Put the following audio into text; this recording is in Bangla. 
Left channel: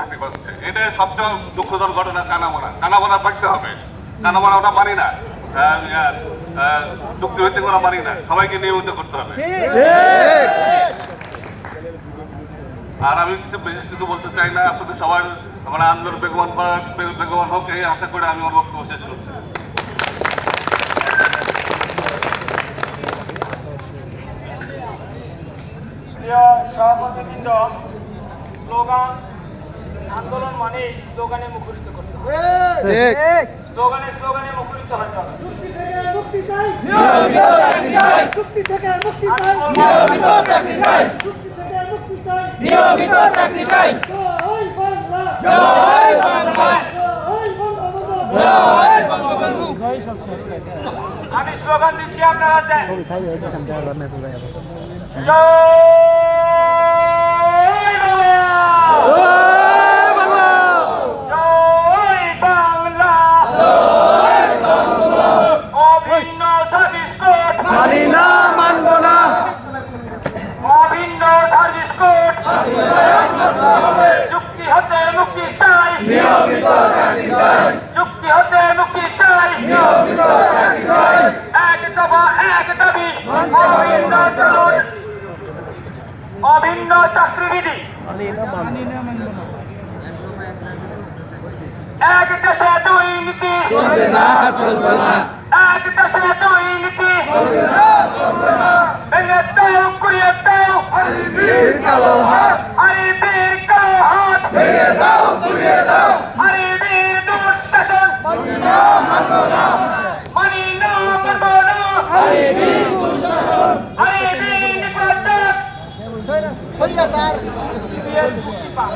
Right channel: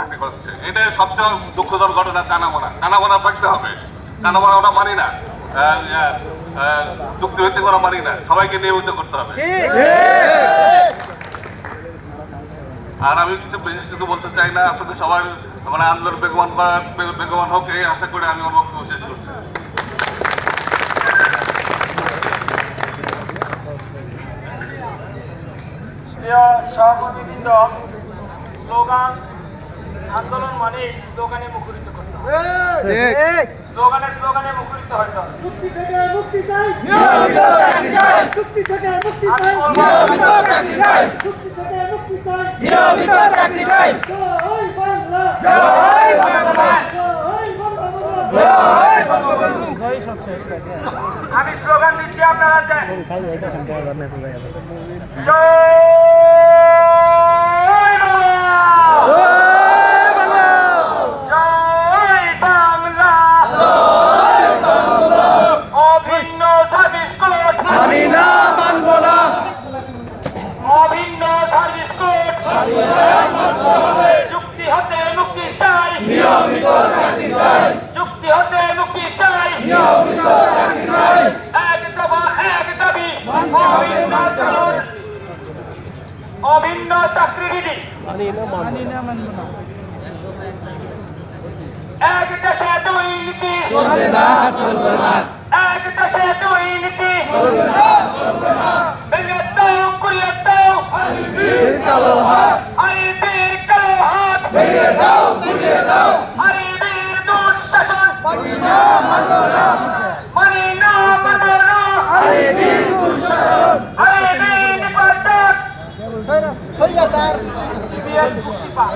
চাকরি করছে, এটাই সবচেয়ে দুঃখজনক ঘটনা। কানামোনা থাকতে হবে, কানামোনা ওটা মানি না, চুক্তিভিত্তিক ওরা মানি না, সবাইকে নিয়মিত করতে হবে। আর আমি বিশেষ কিছু বলতে চাই না, আপনাদের সবার মানে আন্দোলন বেগবান হোক এই আশা করে আমি আমার বক্তব্য শেষ করছি। প্রিয় সহকর্মীবৃন্দ, স্লোগান আন্দোলন মানে স্লোগানে মুখরিত করতে হবে, স্লোগানে মুখরিত হতে হবে। আমি স্লোগান দিচ্ছি, আপনারা দেন। অভিন্ন সার্ভিস কোড চুক্তি হতে মুক্তি চাই, চুক্তি হতে মুক্তি চাই, এক দফা এক দাবি, অভিন্ন চাকরিবিধি, এক দেশে দুই নীতি, এক দেশে দুই নীতি, ভেঙে দাও কুড়িয়ে দাও আরিবির কালো হাত, আরিবির দুঃশাসন মানি না মানব না, আরিবির নির্বাচন মুক্তি পাক।